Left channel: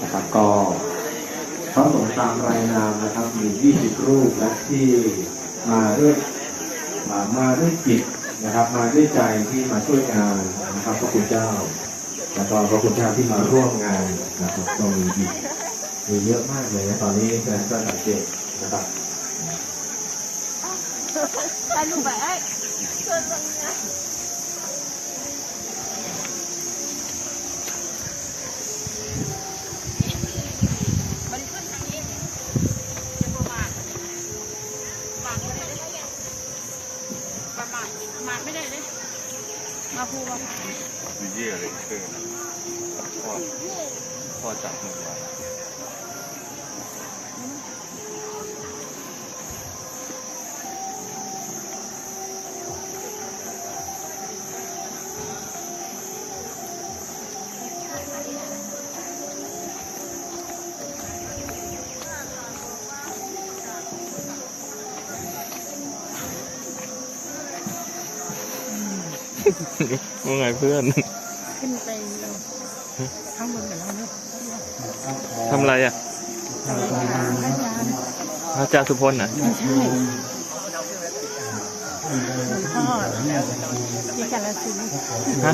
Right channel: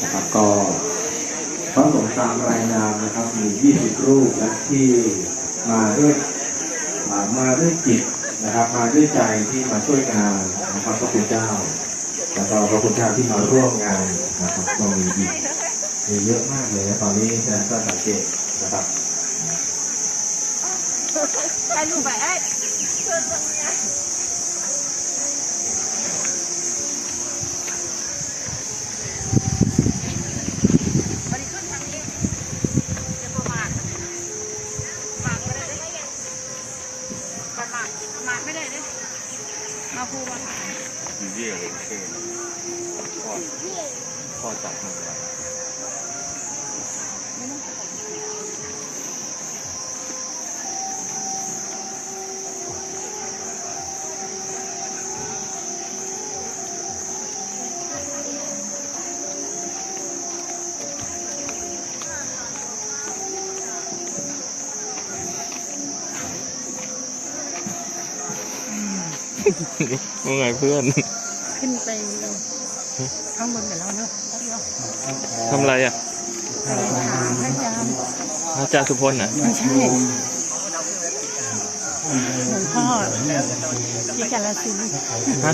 นะครับก็พระสงตามรายนามนะครับ มี 20 รูปและที่มาด้วยอ่ามาด้วยจิตนะครับ มาด้วยใจที่มาช่วยงานนะครับพระคุณเจ้าแล้วก็พระคุณเจ้าที่มาร่วมงานนะครับก็มีอีกมีเยอะมากเลยนะตอนนี้แสดงก็สังเกตนะครับ หมาไม่ได้เลยมาพูดว่า เยี่ยเลยเชื่อนพ่อพ่อจับมือไว้ ว่าไงเพื่อน ขึ้นไปข้างบนกับเราเนอะทำอะไรอะให้ยาให้ยาอาจารย์สุพลน่ะไม่ใช่หลวงพ่อที่กาลสินธุ์ฮะ